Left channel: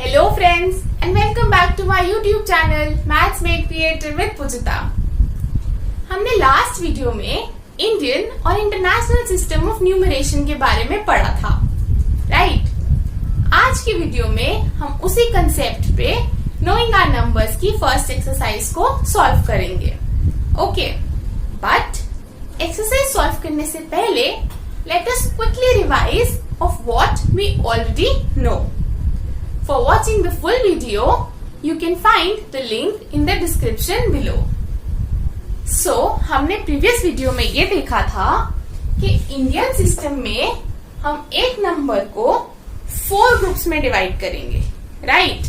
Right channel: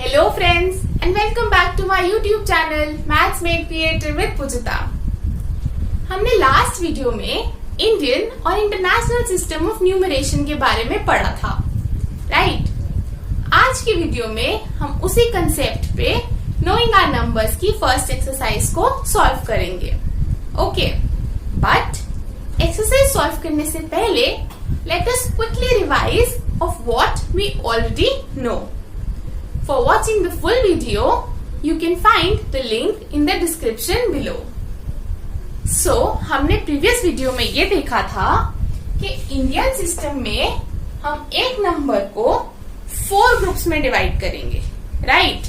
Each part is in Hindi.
Hello friends and welcome back to my YouTube channel Maths Made Creative with पूजिता। हमने लास्ट वीडियो में इंडियन और इंटरनेशनल सिस्टम ऑफ न्यूमरेशन के बारे में पढ़ा था, राइट? आज की वीडियो में हम उसी कंसेप्ट पे नोइंग आवर नंबर्स की फर्स्ट एक्सरसाइज को सॉल्व करेंगे। ओके, बट एक्सरसाइज सॉल्व करने से पहले let us quickly revise of what we already know. For watching the full video, you can find the link in the description below. So, हमने प्रीवियस वीडियो में ये देखा था कि इंडियन सिस्टम में हम एक नंबर को 4 ग्रुप्स में डिवाइड करेंगे, राइट?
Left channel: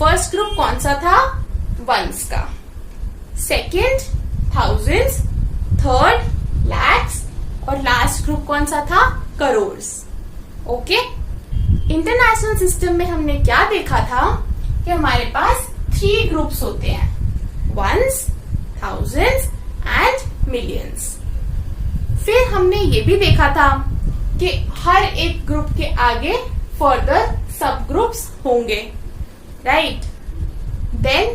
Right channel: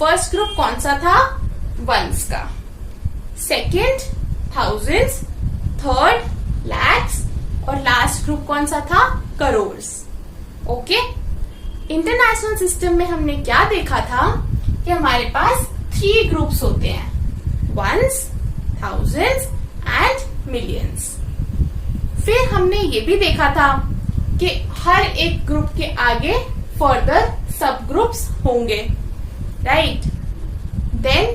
फर्स्ट ग्रुप कौन सा था? वंस का, सेकेंड थाउजेंड्स, थर्ड लैक्स और लास्ट ग्रुप कौन सा था? करोड़्स। ओके, इंटरनेशनल सिस्टम में हमने क्या देखा था कि हमारे पास 3 ग्रुप्स होते हैं, वंस, थाउजेंड्स एंड मिलियंस। फिर हमने ये भी देखा था कि हर एक ग्रुप के आगे फर्दर सब ग्रुप्स होंगे, right? Then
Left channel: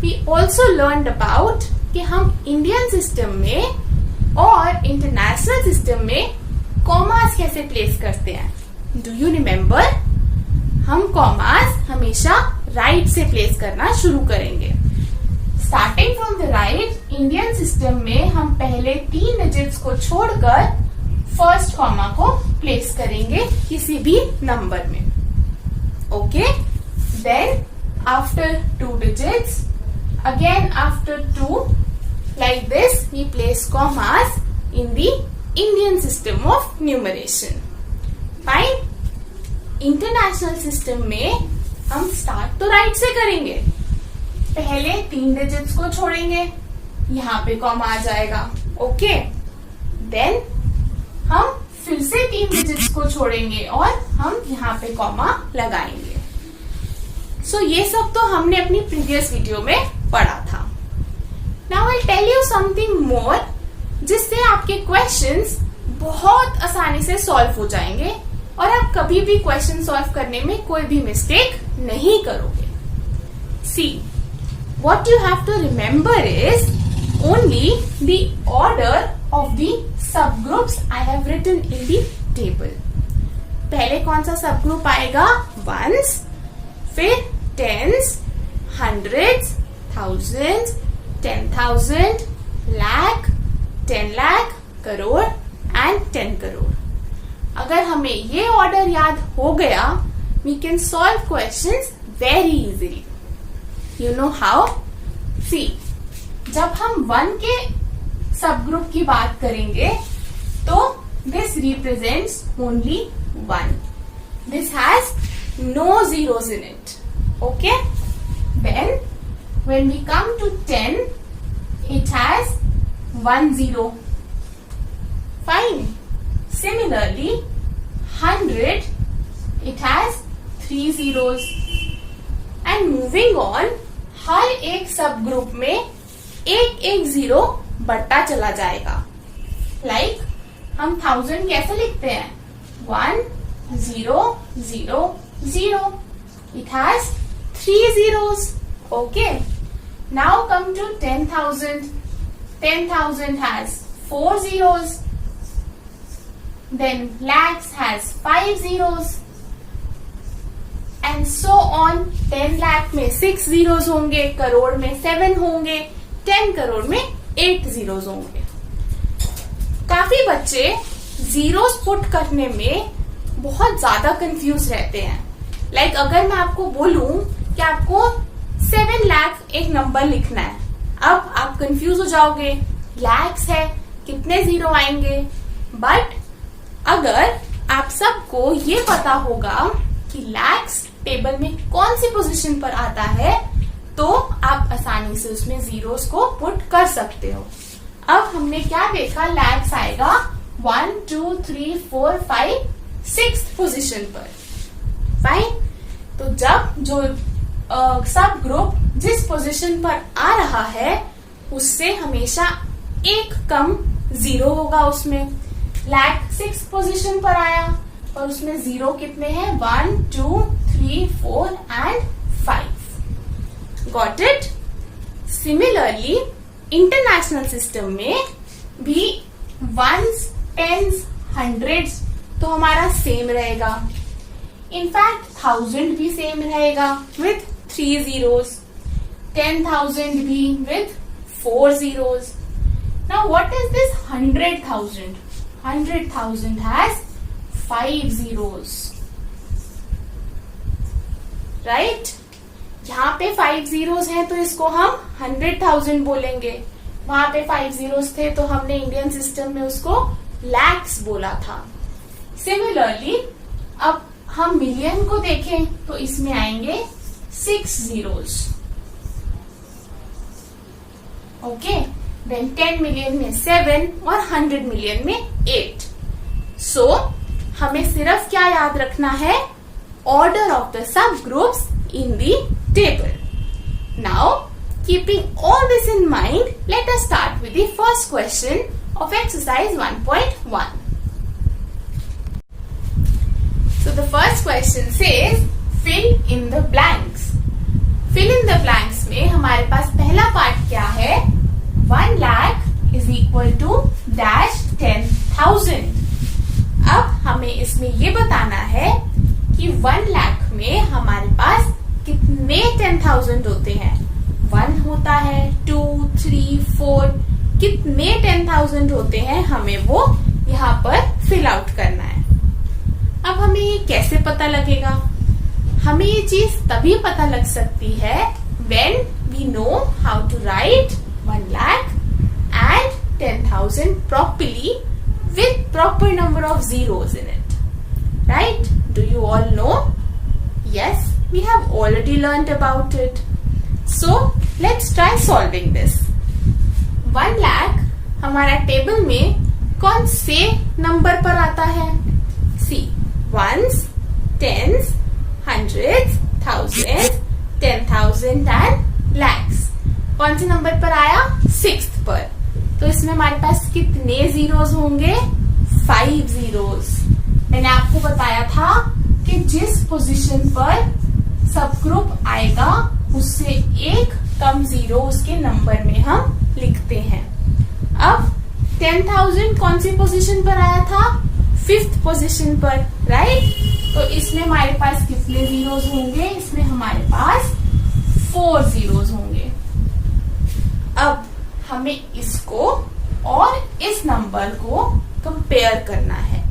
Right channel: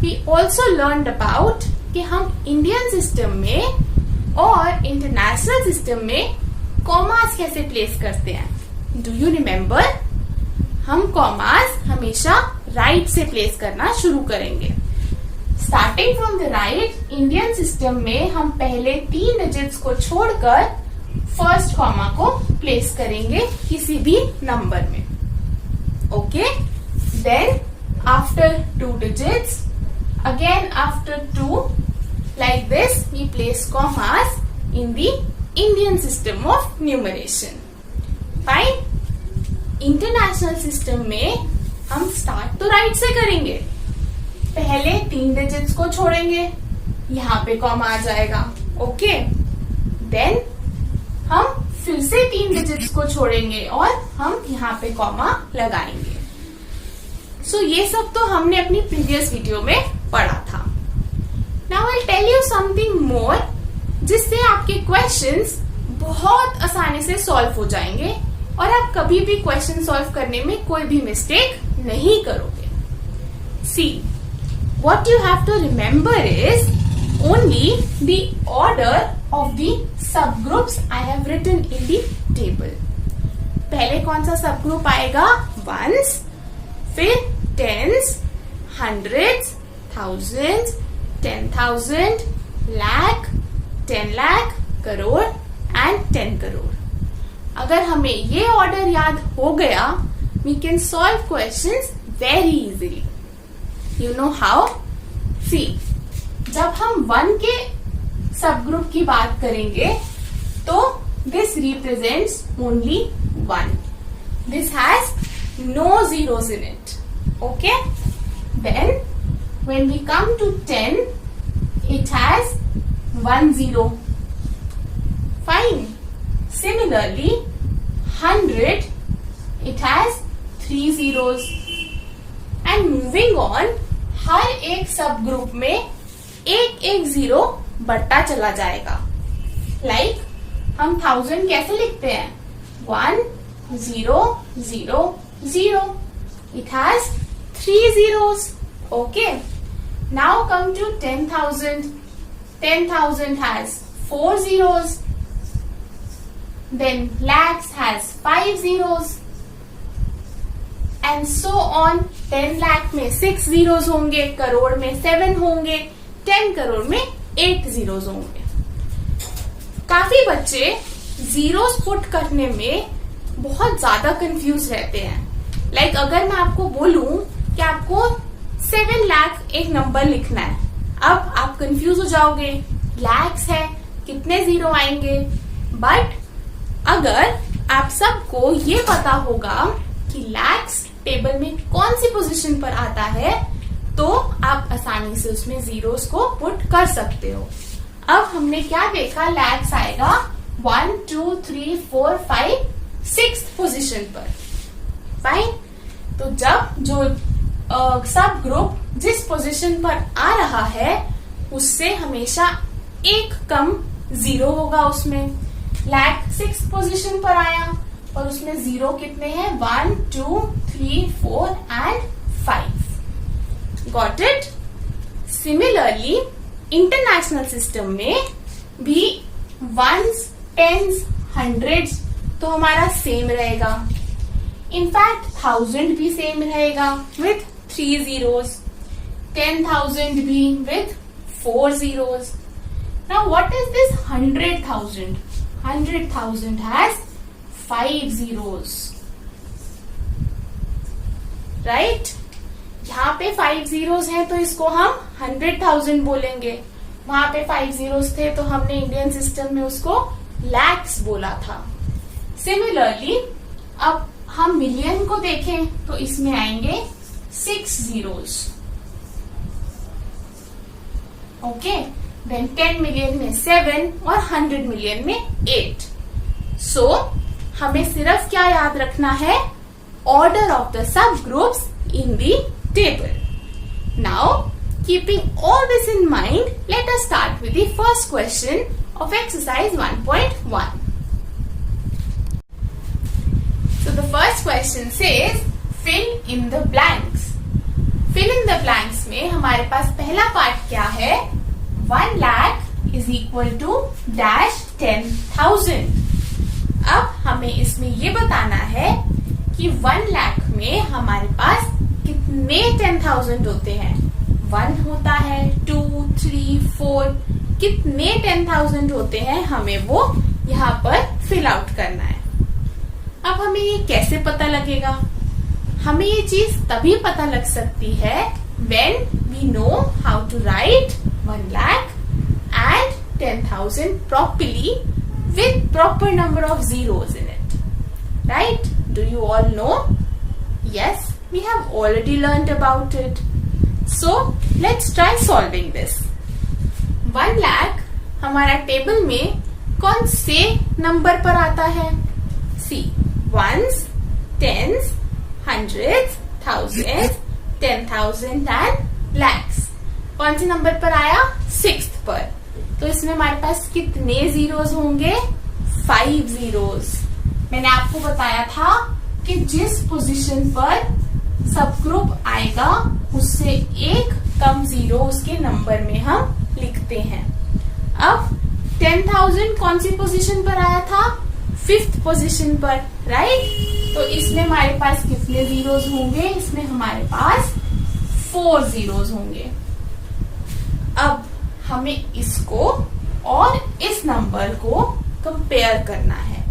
we also learned about कि हम इंडियन सिस्टम में और इंटरनेशनल सिस्टम में कॉमास कैसे प्लेस करते हैं। Do you remember? हम कॉमास हमेशा राइट से प्लेस करना शुरू करेंगे। Starting from the right, Indian system में हम पहले 3 डिजिट्स को छोड़कर फर्स्ट कॉमा को प्लेस करेंगे किसी भी नंबर में। Okay, then after 2 digits, again after 2, like this we place commas in the Indian system of numeration. Fine. International system में हम स्टार्ट तो राइट से करेंगे। पहले 3 डिजिट्स को छोड़ेंगे, यहाँ पे कॉमा आ जाएगा। ओके, देन हम फिर से 3 डिजिट्स को छोड़ेंगे और हम यहाँ पे कॉमा लगाएंगे। सो ये सब तो हमने अपनी प्रीवियस वीडियो में पढ़ा था। Now I tell you something more, जिससे आपके क्वेश्चंस बहुत आसानी से सॉल्व हो जाएंगे और आप कभी भी क्वेश्चन सॉल्व करने में कोई भी मिस्टेक नहीं करोगे। सी, what you have to remember is only the order of the sub groups I have written in the table. पहले कौन सा सब ग्रुप आएगा? वंस, फिर tense, hundreds, thousands, 10,000, lakh, 10 lakh, crore and 10 crore. अगर हमें ये ऑर्डर याद हो गया, we can solve questions very easily. You know how? सी, जब हम 1 के सब ग्रुप की बात करेंगे तो this represents only 1. This has no zeros in it. Okay? Then when we come to 10, it has 1 0. Fine. Similarly, 100, it has 3 zeros. And moving on, हर एक सब ग्रुप में एक जीरो बढ़ता चला जाएगा। Like, हम 1000 कैसे लिखते हैं? 1 0 0 0. It has 3 zeros. Okay. Now come to 10,000. 10,000 has 4 zeros. Then lakhs has 5 zeros. And so on. 10 lakh में 6 zeros होंगे, करोड़ में 7 होंगे, 10 करोड़ में 8 zeros होंगे। काफी बच्चे जीरोस पुट करने में बहुत ज्यादा कंफ्यूज रहते हैं। लाइक अगर मैं आपको बोलूं कि आपको 7 लाख एक नंबर लिखना है, अब आप कंफ्यूज हो जाओगे, लैक्स है, कितने जीरो आएंगे। बट अगर आप सबको ये पता होगा कि लैक्स टेबल में कौन सी पोजीशन पर आता है, तो आप आसानी से उसमें जीरोस को पुट कर सकते हो। अब हमने क्या देखा? लैक्स आएगा 1 2 3 4 5 6 पोजीशन पर। फाइन। तो जब जो सब ग्रुप जिस पोजीशन पर आ रहा है उससे हमेशा एक कम जीरो होगा उसमें। लैक 6 पोजीशन पर आया और उसमें 0 कितने हैं? 1, 2, 3, 4 and 5. Got it? Similarly international system में भी 1s, 10s, 100s तो हमारा सेम रहेगा. इनफैक्ट 1000 भी सेम रहेगा विथ 3 zeros. 10,000 भी with 4 zeros. Now what is this 100,000? 100,000 has 5 zeros. Right? यहाँ पे 5 zeros हैं तो इसको हम 100,000 बोलेंगे. वहां पे 5 zeros थे तो हमने इंडियन सिस्टम में उसको lakhs बोला था. सिमिलरली अब हम मिलियन को देखें तो इसमें आएंगे 6 zeros. ओके, देन 10 मिलियन में 7 और 100 मिलियन में 8. सो हमें सिर्फ क्या याद रखना है? Order of the sub groups in the table. Now keeping all this in mind, let us start with the first question of exercise 1.1. So the first question says fill in the blanks. Fill in the blanks में हमारे पास पहला पार्ट क्या है? 1 lakh is equal to dash 10,000. अब हमें इसमें ये बताना है कि 1 lakh में हमारे पास कितने 10,000 होते हैं. 1 होता है, 2, 3, 4, कितने 10,000 होते हैं हमें वो यहाँ पर फिल आउट करना है. अब हमें ये कैसे पता लगेगा? हमें ये चीज तभी पता लग सकती है when we know how to write 1 lakh and 10,000 properly with proper number of zeros in it. Right? Do you all know? Yes, we have already learned about it. So, let's try solving this. 1 lakh हमारा टेबल में कौन से नंबर पर आता है? See, 1s, 10s, 100s, 1000s, 10,000 and lakhs. कौन से नंबर पर आया? 6th पर. तो इसमें हमारे पास कितने जीरोस होंगे? 5 zeros. मैंने आपको बताया था कि जिस पोजीशन पर सब ग्रुप आएगा उससे एक कम जीरो उसके नंबर में हम लिखते हैं. अब 10,000 कौन सी पोजीशन पर आया था? 5th पोजीशन पर. राइट? तो इसमें हमारे पास कितने जीरोस होंगे? इसमें हमारे पास 4 zeros होंगे. अब हमें इसको और इस नंबर को कंपेयर करना है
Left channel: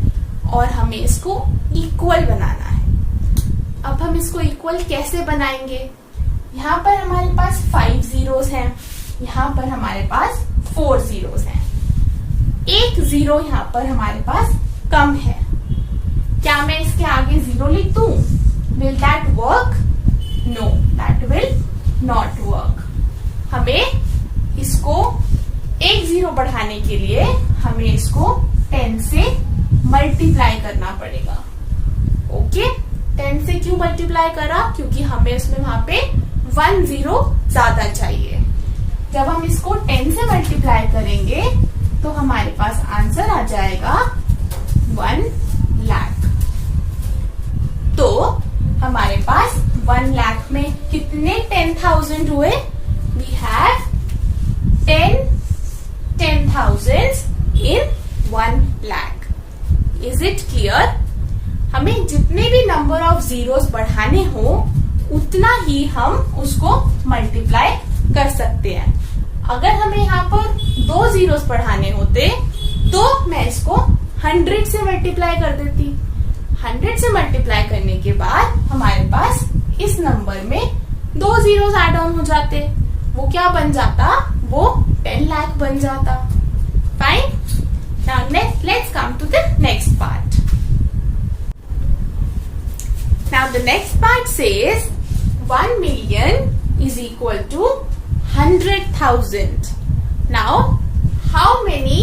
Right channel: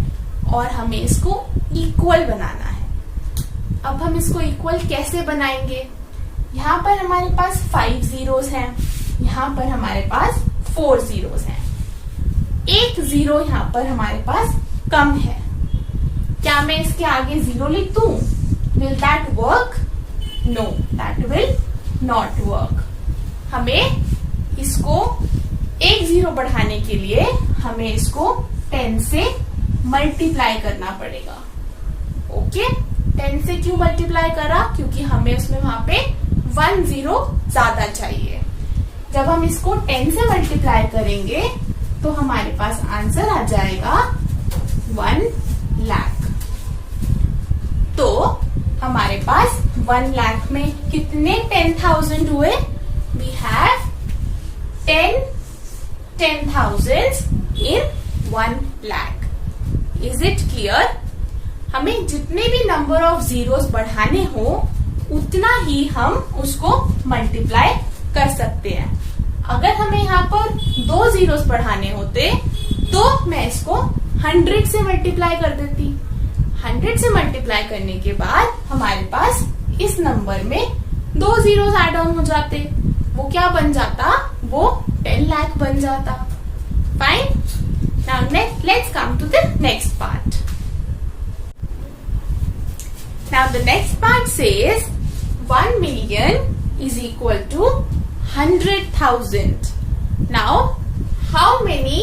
और हमें इसको इक्वल बनाना है. अब हम इसको इक्वल कैसे बनाएंगे? यहाँ पर हमारे पास 5 zeros हैं, यहाँ पर हमारे पास 4 zeros हैं. एक जीरो यहाँ पर हमारे पास कम है. क्या मैं इसके आगे 0 लिख दूं? Will that work? No, that will not work. हमें इसको एक जीरो बढ़ाने के लिए हमें इसको 10 से मल्टीप्लाई करना पड़ेगा. ओके, 10 से क्यों मल्टीप्लाई करा? क्योंकि हमें उसमें वहां पे 1 जीरो ज्यादा चाहिए. जब हम इसको 10 से मल्टीप्लाई करेंगे तो हमारे पास आंसर आ जाएगा 1 lakh. तो हमारे पास 1 lakh में कितने 10,000 हुए? We have 10,000 in 1 lakh. Is it clear? हमें जितने भी नंबर ऑफ जीरोस बढ़ाने हो उतना ही हम उसको मल्टीप्लाई कर सकते हैं. अगर हमें यहाँ पर 2 जीरोस बढ़ाने होते तो मैं इसको 100 से मल्टीप्लाई कर देती. 100 से मल्टीप्लाई करने के बाद हमारे पास इस नंबर में 2 जीरोस ऐड ऑन हो जाते. वो क्या बन जाता? वो 10 lakh बन जाता. Fine. Now let's come to the next part. Now the next part says 1 million is equal to 100,000. Now, how many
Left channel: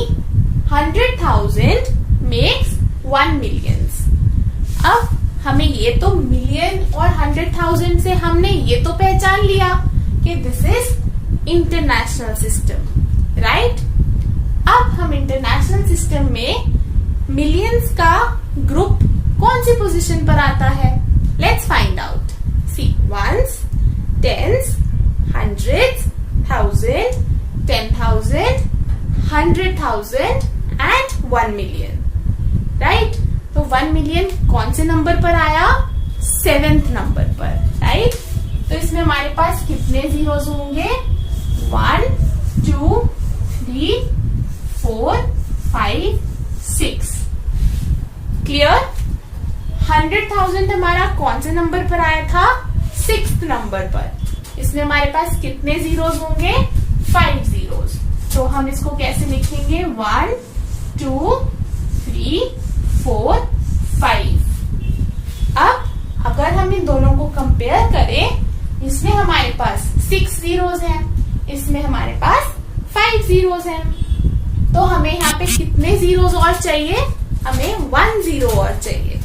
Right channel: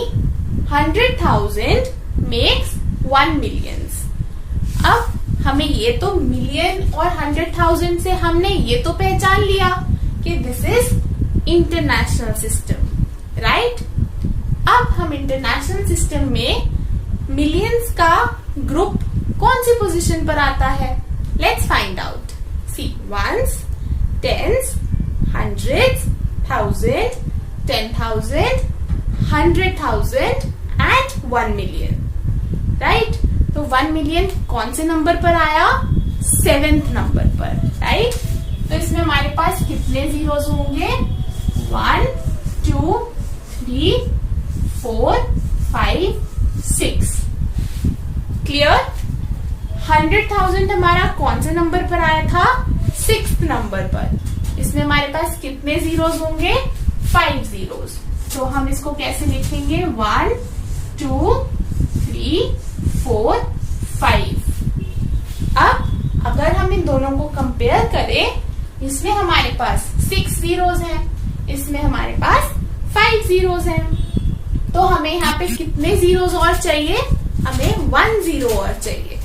100,000 makes 1 million? अब हमें ये तो मिलियन और 100,000 से हमने ये तो पहचान लिया कि this is international system. Right? अब हम इंटरनेशनल सिस्टम में मिलियंस का ग्रुप कौन सी पोजीशन पर आता है? Let's find out. See, ones, tens, hundreds, thousand, 10,000, 100,000 and 1 million. Right? तो 1 मिलियन कौन से नंबर पर आया? 7th नंबर पर। राइट? तो इसमें हमारे पास कितने जीरोस होंगे? 1, 2, 3, 4, 5, 6। क्लियर? 100,000 हमारा कौन से नंबर पर आया था? 6th नंबर पर। इसमें हमारे पास कितने जीरोस होंगे? 5 जीरोस। तो हम इसको कैसे लिखेंगे? 1, 2, 3, 4, 5। अब अगर हम इन दोनों को कंपेयर करें, इसमें हमारे पास 6 जीरोस हैं, इसमें हमारे पास 5 जीरोस हैं। तो हमें यहाँ पे कितने जीरोस और चाहिए? हमें 1 जीरो और चाहिए।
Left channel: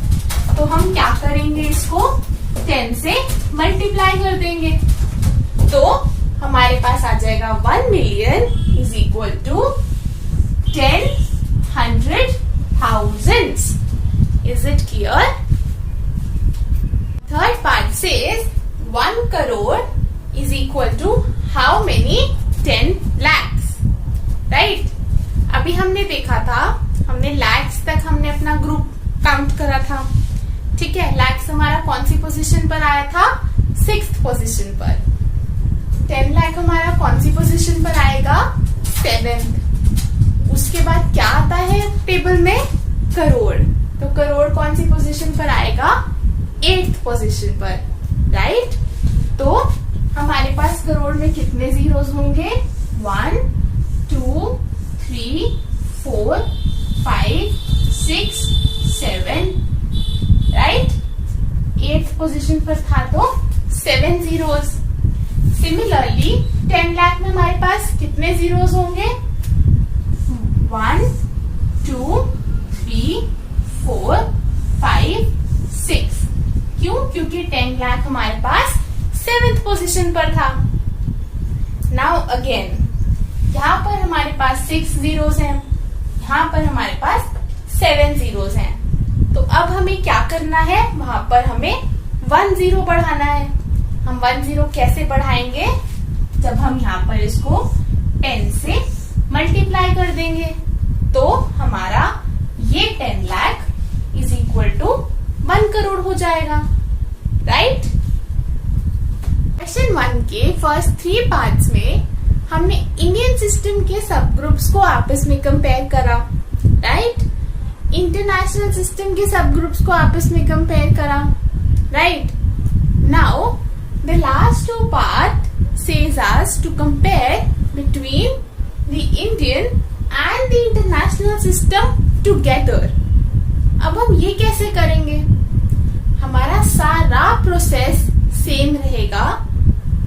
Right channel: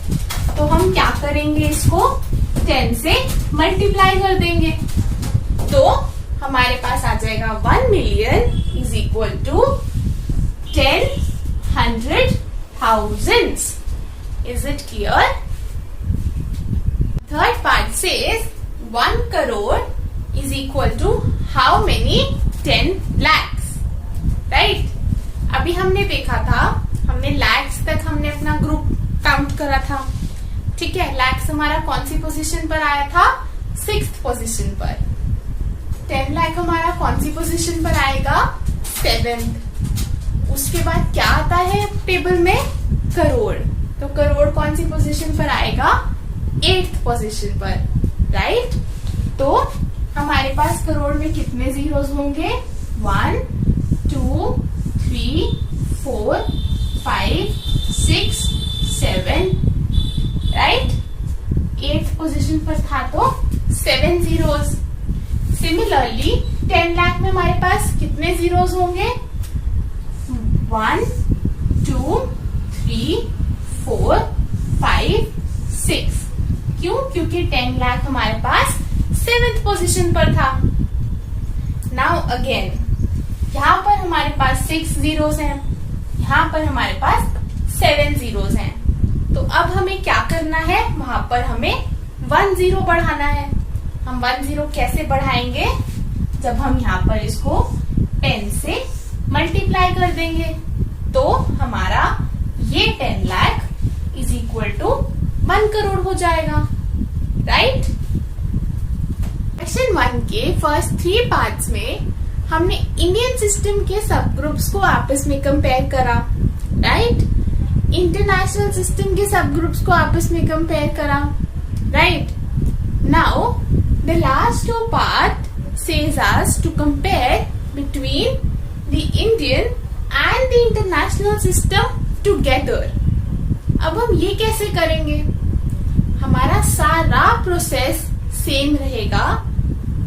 तो हम क्या करेंगे? इसको 10 से मल्टीप्लाई कर देंगे। तो हमारे पास आ जाएगा 1 million is equal to 10, 100, thousands. Is it clear? Third part says 1 crore is equal to how many? 10 lakhs. Right? अभी हमने देखा था, हमने lakhs तक हमने अपना ग्रुप काउंट करा था। ठीक है? lakhs हमारा कौन सी पोजीशन पर आया था? 6th पोजीशन पर। 10 लाख हमारा कौन सी पोजीशन पर आएगा? 7th। उसके बाद क्या आता है टेबल में? करोड़। तो करोड़ कौन सी पोजीशन पर आएगा? 8th पोजीशन पर। राइट? तो हमारे पास करोड़ में कितने जीरोस होंगे? 1, 2, 3, 4, 5, 6, 7। राइट? 8th पोजीशन पर था तो 7 जीरोस। सिमिलरली 10 लाख में हमारे पास कितने जीरोस होंगे? 1, 2, 3, 4, 5, 6। क्यों? क्योंकि 10 लाख हमारे पास 7th पोजीशन पर था। नाउ अगेन, यहाँ पर हमारे पास 6 जीरोस हैं, यहाँ पर हमारे पास 7 जीरोस हैं। तो अब हमें क्या करना है? वहां पर हमें 1 जीरो बढ़ाना है। हम 1 जीरो कैसे बढ़ाएंगे? जब हम यहाँ पर इसको 10 से मल्टीप्लाई कर देंगे तो हमारा ये 10 lakh is equal to 1 crore हो जाएगा। राइट? सेक्शन 1 के फर्स्ट 3 पार्ट्स में हमने इंडियन सिस्टम के सब ग्रुप्स को आपस में कंपेयर करा। राइट? इंटरनेशनल सिस्टम के सब ग्रुप्स को आपस में कंपेयर करा। Right? Now the last 2 part says us to compare between the Indian and the international system together. अब हम ये कैसे करेंगे? हमारा सारा प्रोसेस सेम रहेगा।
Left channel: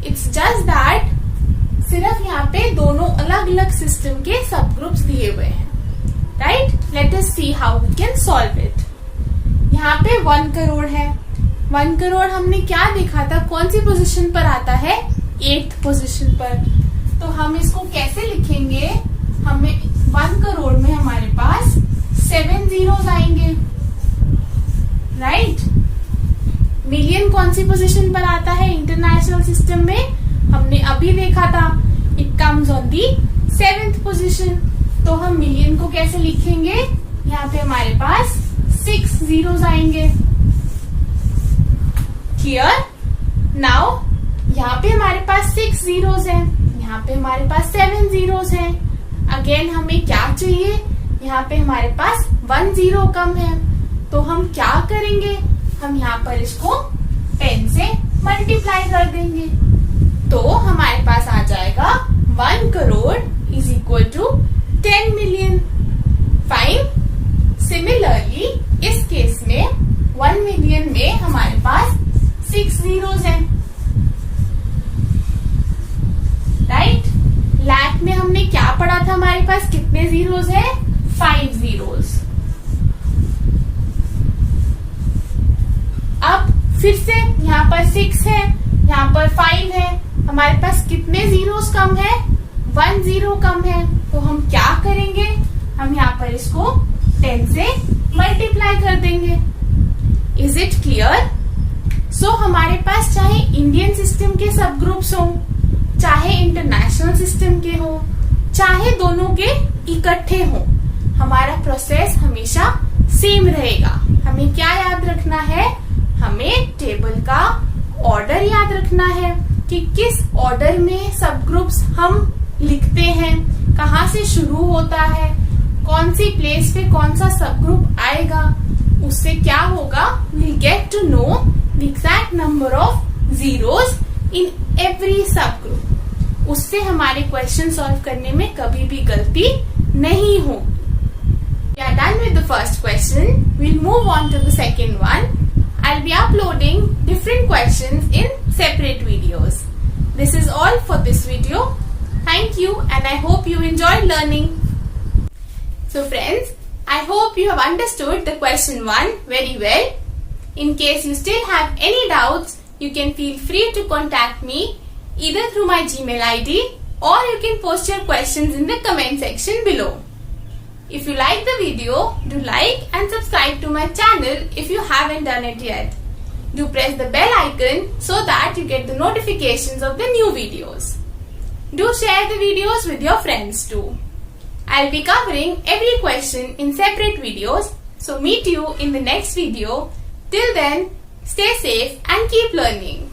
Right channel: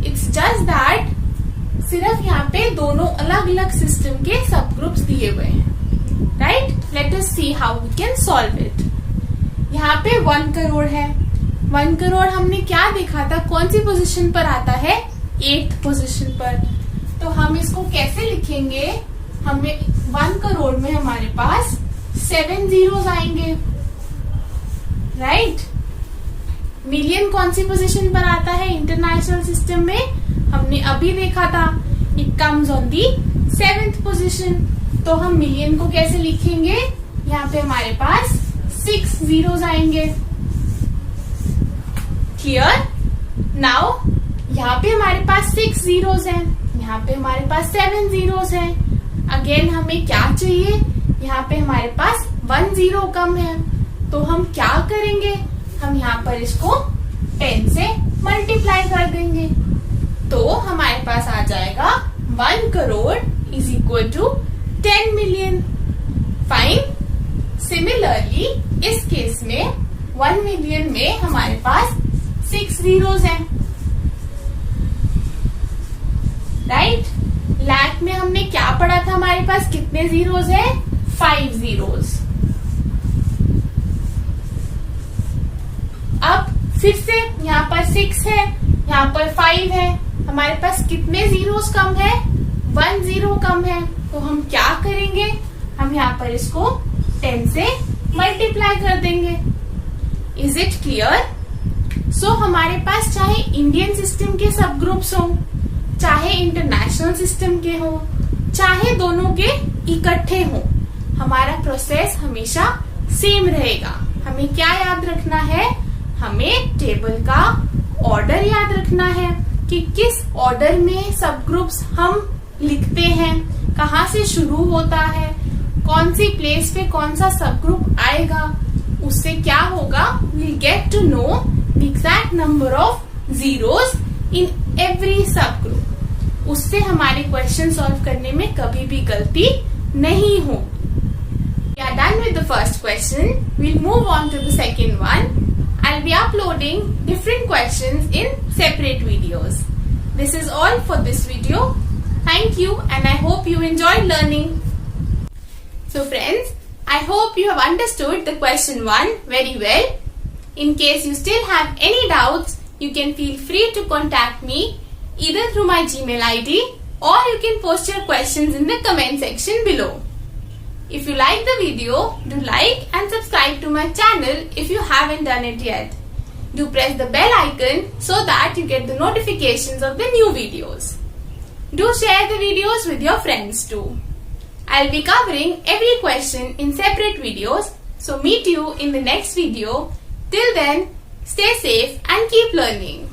इट्स जस्ट दैट सिर्फ यहाँ पे दोनों अलग अलग सिस्टम के सब ग्रुप्स दिए हुए हैं। Right? Let us see how we can solve it. यहाँ पे 1 करोड़ है। 1 करोड़ हमने क्या देखा था? कौन सी पोजीशन पर आता है? 8th पोजीशन पर। तो हम इसको कैसे लिखेंगे? हमें 1 करोड़ में हमारे पास 7 जीरोस आएंगे। राइट? मिलियन कौन सी पोजीशन पर आता है इंटरनेशनल सिस्टम में? हमने अभी देखा था, it comes on the 7th position. तो हम मिलियन को कैसे लिखेंगे? यहाँ पे हमारे पास 6 जीरोस आएंगे। क्लियर? नाउ यहाँ पे हमारे पास 6 जीरोस हैं, यहाँ पे हमारे पास 7 जीरोस हैं। अगेन हमें क्या चाहिए? यहाँ पे हमारे पास 1 जीरो कम है। तो हम क्या करेंगे? हम यहाँ पर इसको 10 से मल्टीप्लाई कर देंगे। तो हमारे पास आ जाएगा 1 crore is equal to 10 million. Fine? Similarly इस केस में 1 मिलियन में हमारे पास 6 जीरोस हैं। राइट? लाख में हमने क्या पढ़ा था? हमारे पास कितने जीरोस हैं? 5 जीरोस। अब फिर से यहाँ पर 6 है, यहाँ पर 5 है। हमारे पास कितने जीरोस कम है? 1 जीरो कम है। तो हम क्या करेंगे? हम यहाँ पर इसको 10 से मल्टीप्लाई कर देंगे। Is it clear? सो हमारे पास चाहे इंडियन सिस्टम के सब ग्रुप्स हो, चाहे इंटरनेशनल सिस्टम के हो, चाहे दोनों के इकट्ठे हो, हमारा प्रोसेस हमेशा सेम रहेगा। हमें क्या याद रखना है? हमें टेबल का ऑर्डर याद रखना है कि किस ऑर्डर में सब ग्रुप्स हम लिखते हैं, कहाँ से शुरू होता है, कौन सी प्लेस पे कौन सा सब ग्रुप आएगा। उससे क्या होगा? We get to know the exact number of zeros in every sub group. उससे हमारे क्वेश्चन सॉल्व करने में कभी भी गलती नहीं होगी। We are done with the first question. We'll move on to the second one. I'll be uploading different questions in separate videos. This is all for this video. Thank you and I hope you enjoyed learning. So friends, I hope you have understood the question 1 very well. In case you still have any doubts, you can feel free to contact me either through my Gmail ID or you can post your questions in the comment section below. If you like the video, do like and subscribe to my channel if you haven't done it yet. Do press the bell icon so that you get the notifications of the new videos. Do share the videos with your friends too. I'll be covering every question in separate videos, so meet you in the next video. Till then, stay safe and keep learning.